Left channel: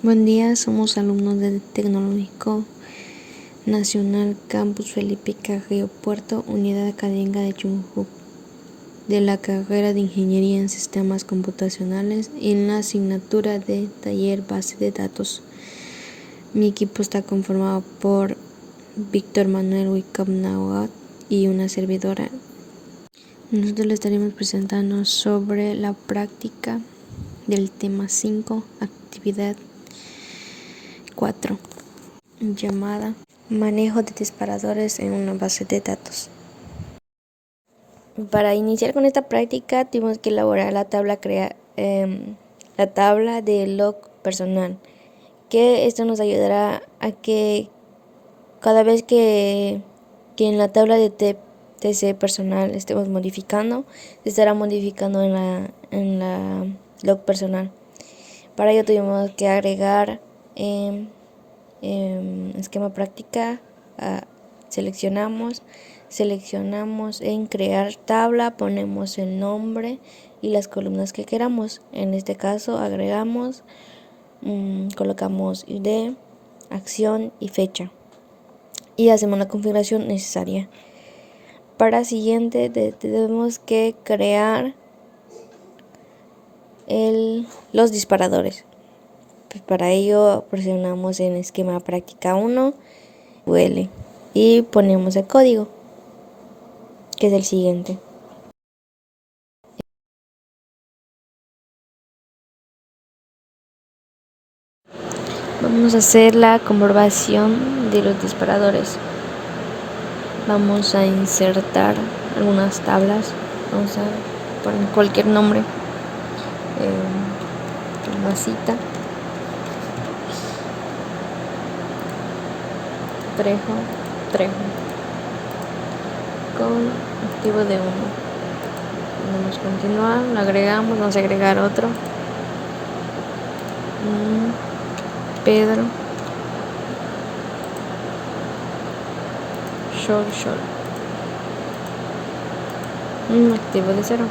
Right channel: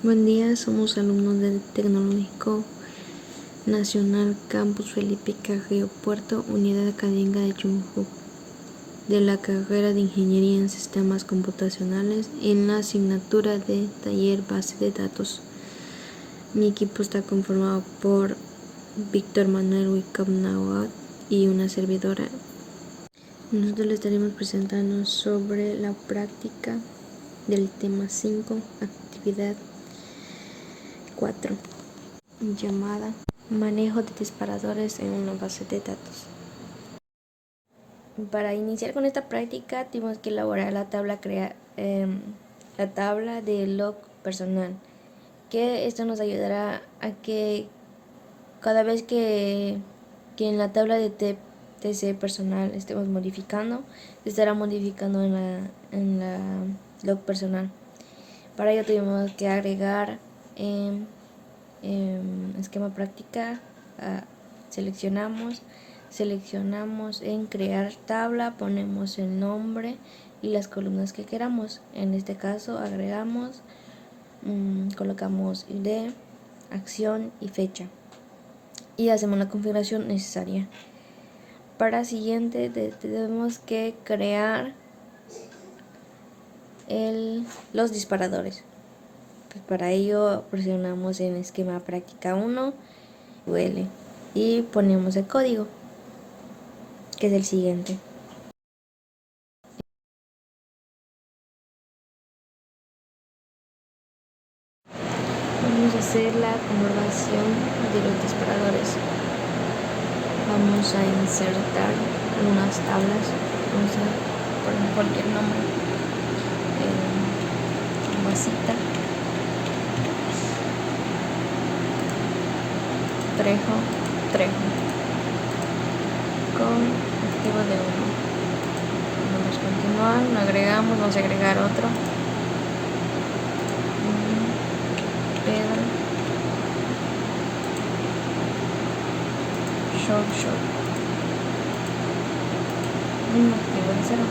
Buen día, somos alumnos del Tecnológico Nacional Campus Felipe Carrillo Puerto, Unidad Académica de Chunjuc, de la carrera de Ingeniería en Sistemas Computacionales en la asignatura de Taller Base de Datos. Mi equipo está conformado por Víctor Manuel Wicapnahuat y una servidora. Nosotros le estaremos presentando sobre la práctica del tema 5, actividad 4, llamada manejo de disparadores en una base de datos. Para iniciar con esta práctica tuvimos que elaborar la tabla de log personal, que esto nos ayudará a que cada vez que en la tabla de TC personal estemos modificando, se estará modificando en la log personal. Para ello tuvimos que agregar esquema práctica, seleccionamos en crear tabla, ponemos el nombre y las columnas que queramos. En este caso agregamos, colocamos ID, acción y fecha y hacemos la configuración necesaria. Para siguiente tenemos que crear los disparadores. Pues para ello presionamos en esquema práctica 1 UL y ponemos el código, que es el siguiente. Vamos a hacer la comprobación de los disparadores. Vamos a insertar unas tablas, vamos a poner cualquier nombre, masita, trejo, con activo de 1. Vamos a continuar, lo agregamos, vamos a agregar otro, Pedro, short, activo de 0.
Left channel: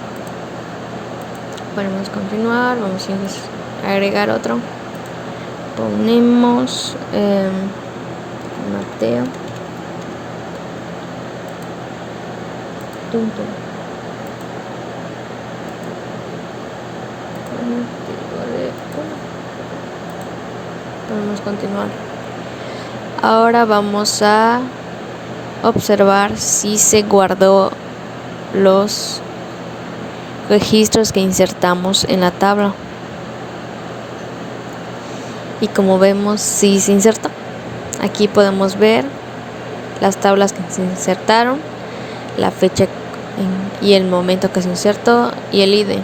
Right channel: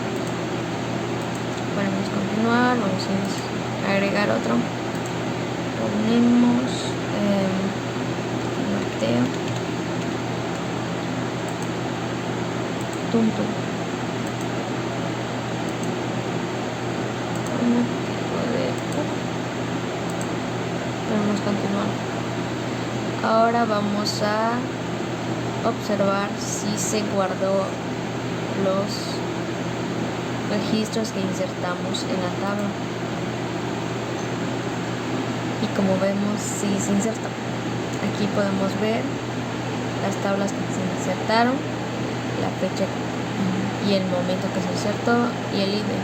Podemos continuar, vamos a agregar otro, ponemos Mateo, Tumtum, con activo de 1. Podemos continuar. Ahora vamos a observar si se guardó los registros que insertamos en la tabla, y como vemos sí se insertó. Aquí podemos ver las tablas que se insertaron, la fecha y el momento que se insertó y el ID.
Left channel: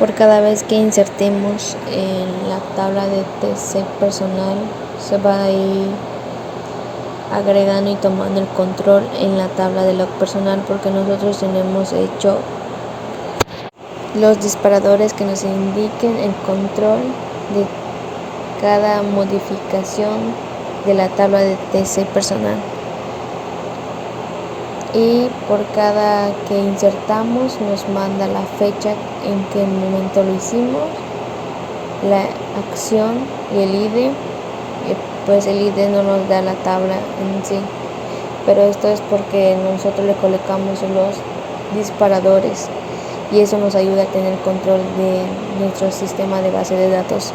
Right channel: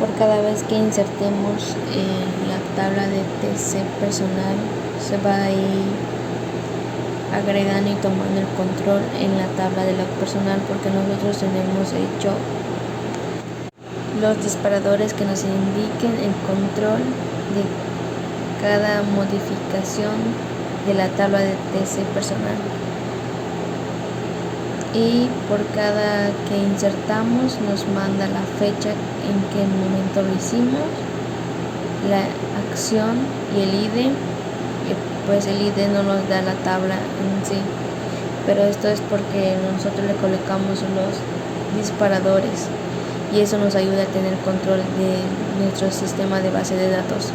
Por cada vez que insertemos en la tabla de TC personal, se va a ir agregando y tomando el control en la tabla de log personal, porque nosotros tenemos hecho los disparadores que nos indiquen el control de cada modificación de la tabla de TC personal. Y por cada que insertamos nos manda la fecha en que momento lo hicimos, la acción y el ID. Pues el ID no nos da la tabla en sí, pero esto es porque nosotros le colocamos los disparadores y eso nos ayuda a tener control de nuestro sistema de base de datos.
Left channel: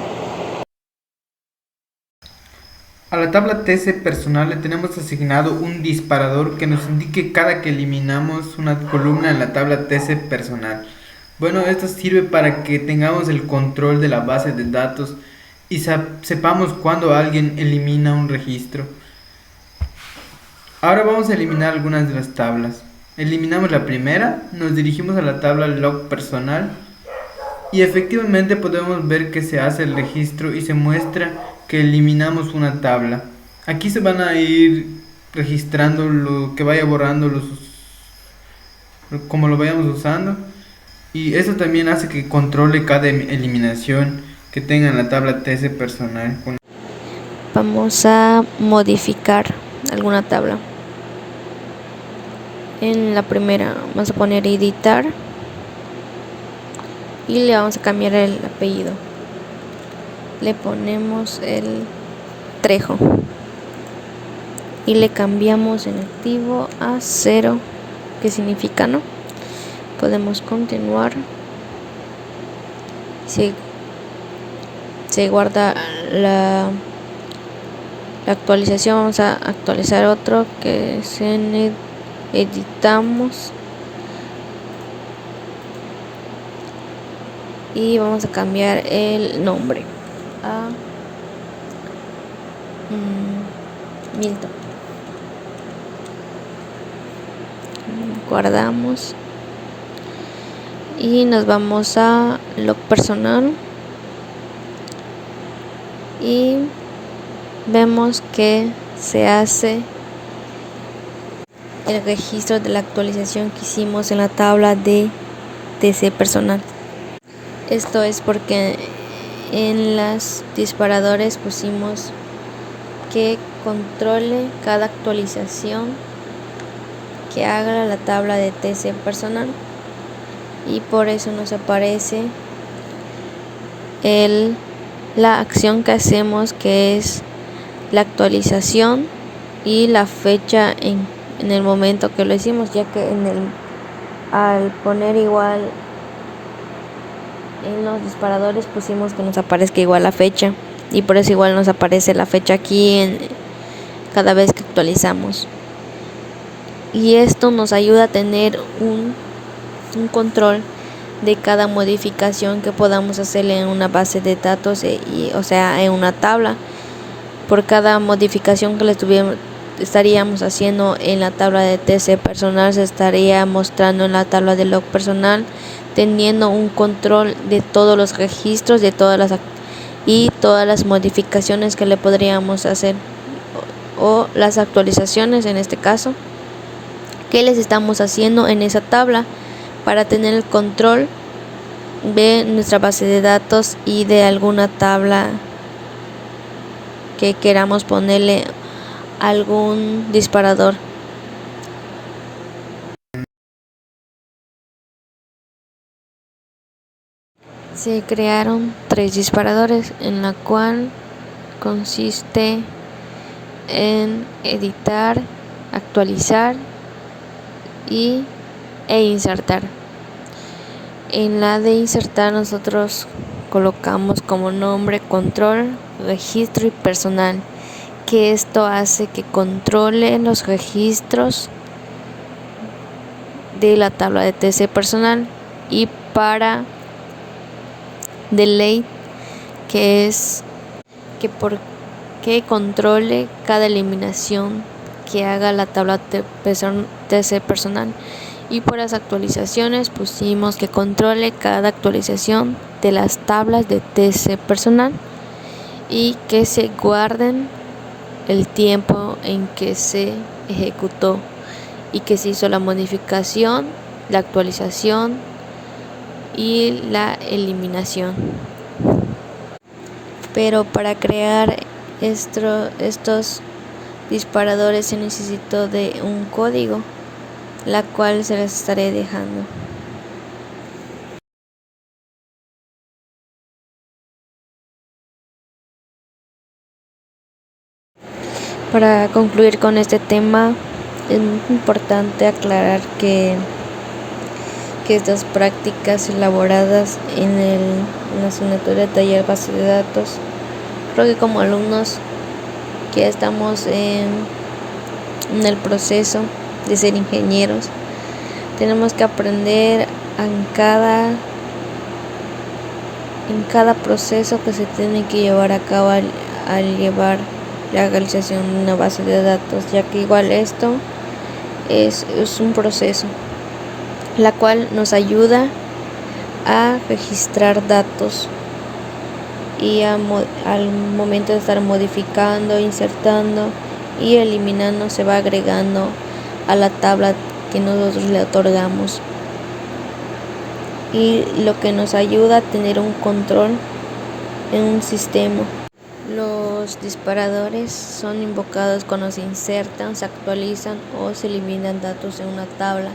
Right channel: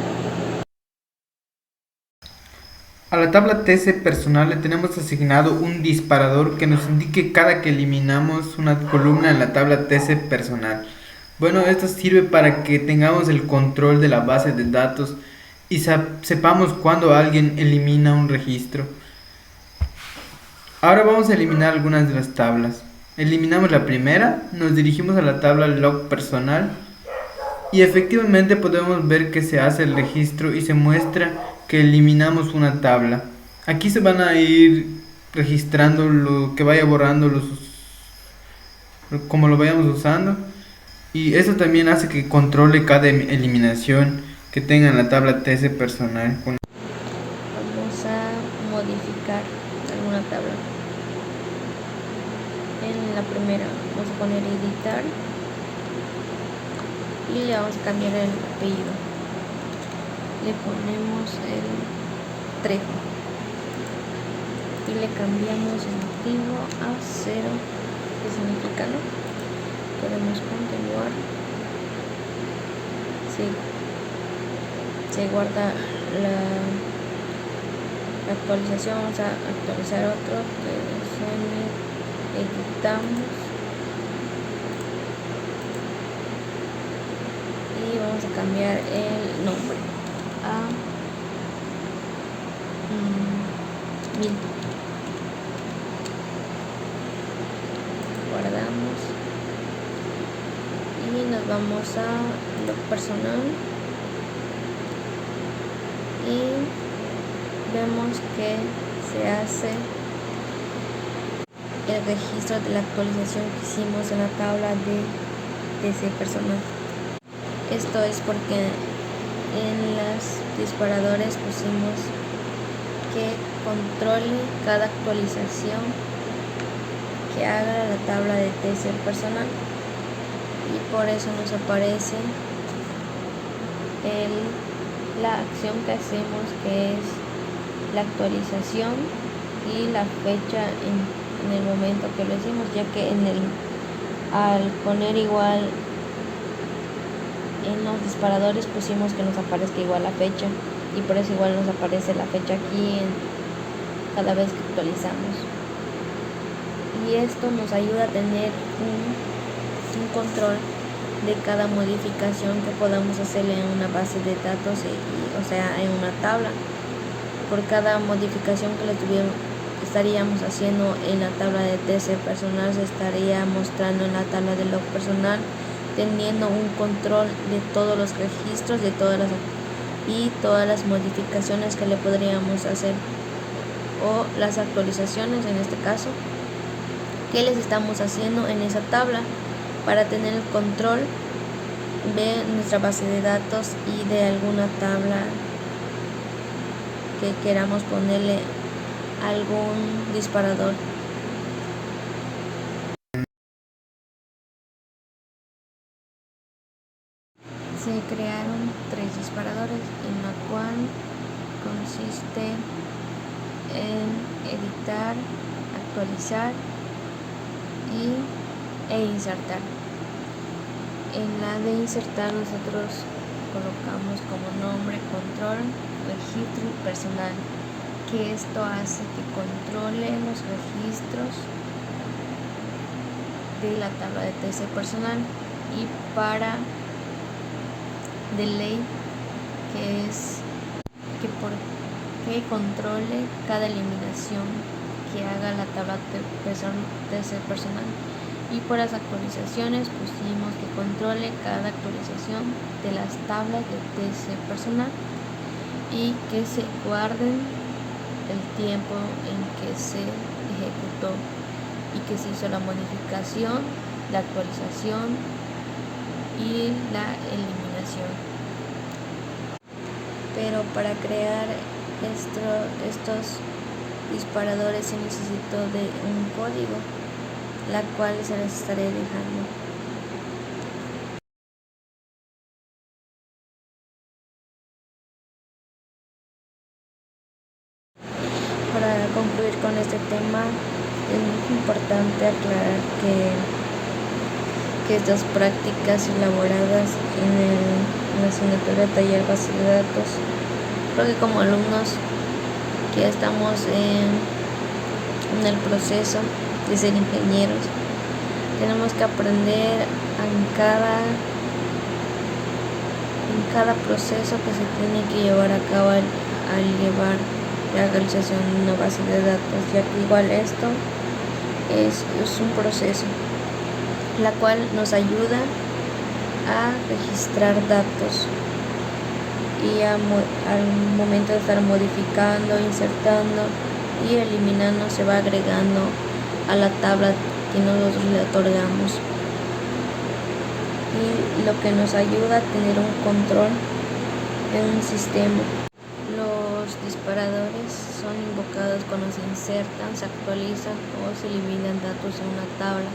A la tabla TC personal le tenemos asignado un disparador que nos indique cada que eliminamos una columna en la tabla TC personal. Bueno, esto sirve para que tengamos el control de la base de datos y sepamos cuando alguien elimina un registro. Ahora vamos a eliminar algunas de las tablas. Eliminamos la primera, nos dirigimos a la tabla log personal y efectivamente podemos ver que se hace el registro y se muestra que eliminamos una tabla. Aquí se van a ir registrando lo que vaya borrando como lo vayamos usando, y eso también hace que controle cada eliminación que tenga en la tabla TC personal. Vamos a modificar alguna tabla. En la primera vamos a poner editar y le vamos a cambiar el apellido. le ponemos el trejo y le cambiamos en activo a 0, que significa no. Podemos continuar. Se guarda la actualización. Vamos a actualizar otro que es en editamos y vamos a cambiar el nombre a Milton. Guardamos y nos vamos a lo personal y vemos que se hace el registro de la actualización que hicimos en la tabla de TC personal. Esto es porque en los disparadores pusimos que controle cada actualización que haga la tabla de TC personal, y por eso nos aparece la acción que hacemos, que es la actualización y la fecha en el momento que lo hicimos, ya que al poner igual en los disparadores pusimos que nos aparezca igual la fecha, y por eso igual nos aparece la fecha aquí cada vez que actualizamos. Y esto nos ayuda a tener un control de cada modificación que podamos hacerle en una base de datos, o sea, en una tabla. Por cada modificación que le estaríamos haciendo en la tabla de TC personal, se estaría mostrando en la tabla de log personal, teniendo un control de todos los registros, de todas las modificaciones que le podríamos hacer, o las actualizaciones en este caso, que les estamos haciendo en esa tabla, para tener el control de nuestra base de datos y de alguna tabla que queramos ponerle algún disparador. Se crearon 3 disparadores, en la cual consiste en editar, actualizar e insertar. En la de insertar nosotros colocamos como nombre control, registro y personal, que esto hace que controle los registros de la tabla de TC personal, y para delete, que es que controle cada eliminación que haga la tabla TC personal. Y por las actualizaciones pusimos que controle cada actualización de las tablas de TC personal, y que se guarden el tiempo en que se ejecutó y que se hizo la modificación, la actualización y la eliminación. Pero para crear estos disparadores se necesitó de un código, la cual se las estaré dejando. Para concluir con este tema, es muy importante aclarar que estas prácticas elaboradas en la asignatura de taller base de datos, creo que como alumnos que estamos en el proceso de ser ingenieros, tenemos que aprender en cada proceso que se tiene que llevar a cabo al llevar la realización de una base de datos, ya que igual esto es un proceso, la cual nos ayuda a registrar datos, y al momento de estar modificando, insertando y eliminando, se va agregando a la tabla que nosotros le otorgamos, y lo que nos ayuda a tener un control en un sistema. Los disparadores son invocados cuando se insertan, se actualizan o se eliminan datos en una tabla.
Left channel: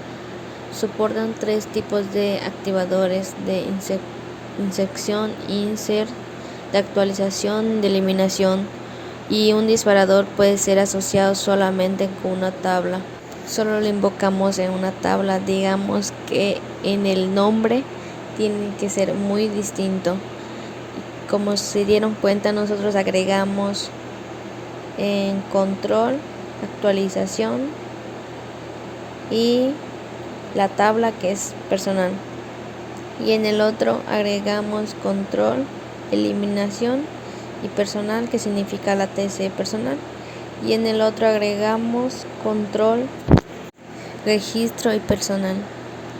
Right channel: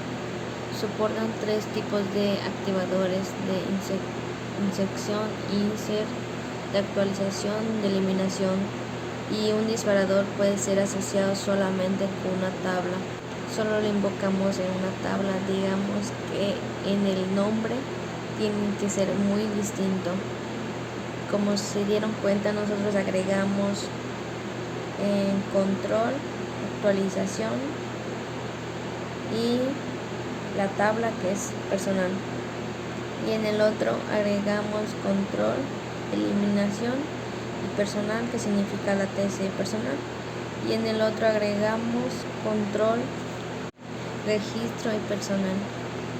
Soportan 3 tipos de activadores de inserción, insert de actualización, de eliminación, y un disparador puede ser asociado solamente con una tabla. Solo lo invocamos en una tabla, digamos que en el nombre tiene que ser muy distinto. Como se dieron cuenta, nosotros agregamos en control, actualización y la tabla que es personal, y en el otro agregamos control, eliminación y personal, que significa la TC personal, y en el otro agregamos control, registro y personal,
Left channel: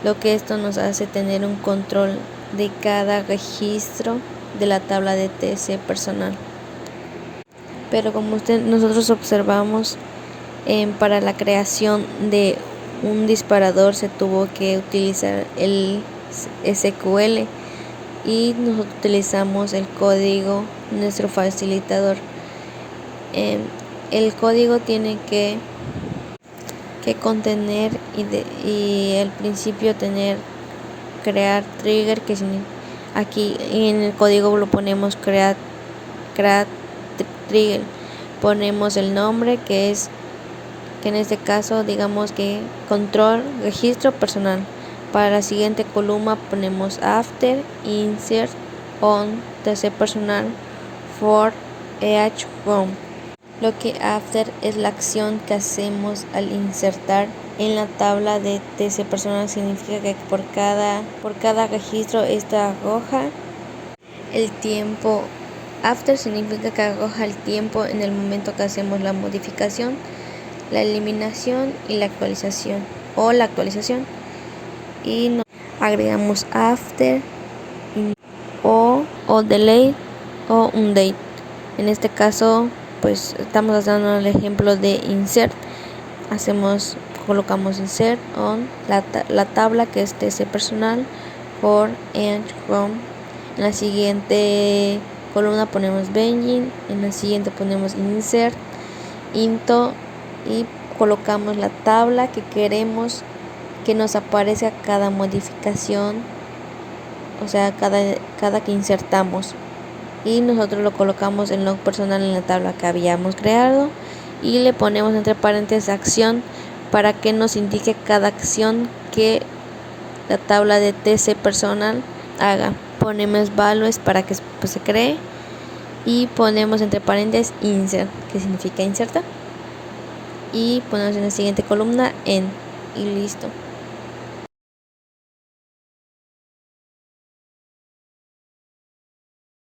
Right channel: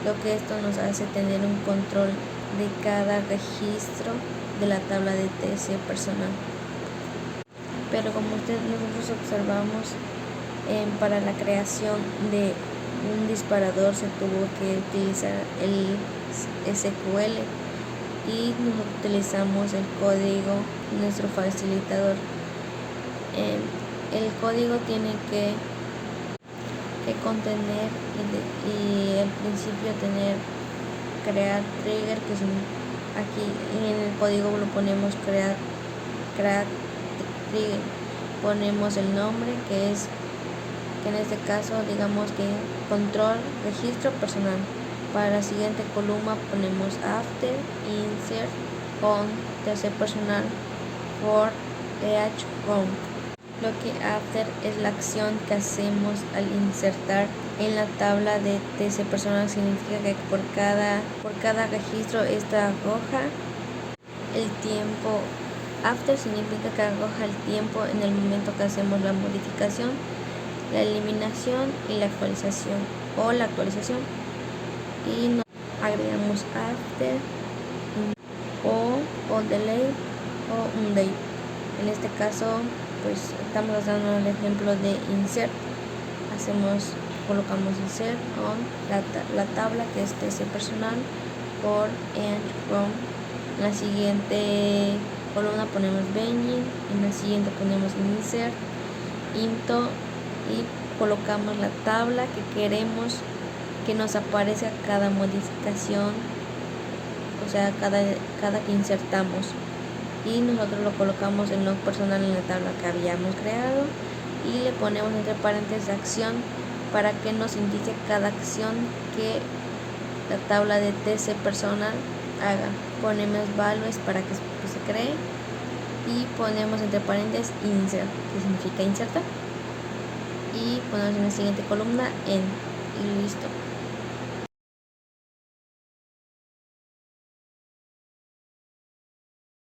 lo que esto nos hace tener un control de cada registro de la tabla de TC personal. Pero como nosotros observamos, para la creación de un disparador se tuvo que utilizar el SQL, y nosotros utilizamos el código, nuestro facilitador. El código tiene que contener y al principio crear trigger, que aquí en el código lo ponemos create trigger, ponemos el nombre que en este caso digamos que control registro personal. Para la siguiente columna ponemos after insert on TC personal for each row. Lo que after es la acción que hacemos al insertar en la tabla de TC personal. Significa que por cada registro esta arroja el tiempo. After significa que arroja el tiempo en el momento que hacemos la modificación, la eliminación y la actualización, y nos agregamos after o delay o undate. En este caso pues estamos dando el ejemplo de insert. Colocamos insert on la tabla que es TC personal for and from. En la siguiente columna ponemos Benjin, en la siguiente ponemos insert into y colocamos la tabla que queremos que nos aparezca cada modificación, o sea cada que insertamos, y nosotros lo colocamos en log personal en la tabla que habíamos creado y le ponemos entre paréntesis acción para que nos indique cada acción que la tabla de TC personal haga. Ponemos values para que se cree y ponemos entre paréntesis insert, que significa inserta, y ponemos en la siguiente columna en, y listo.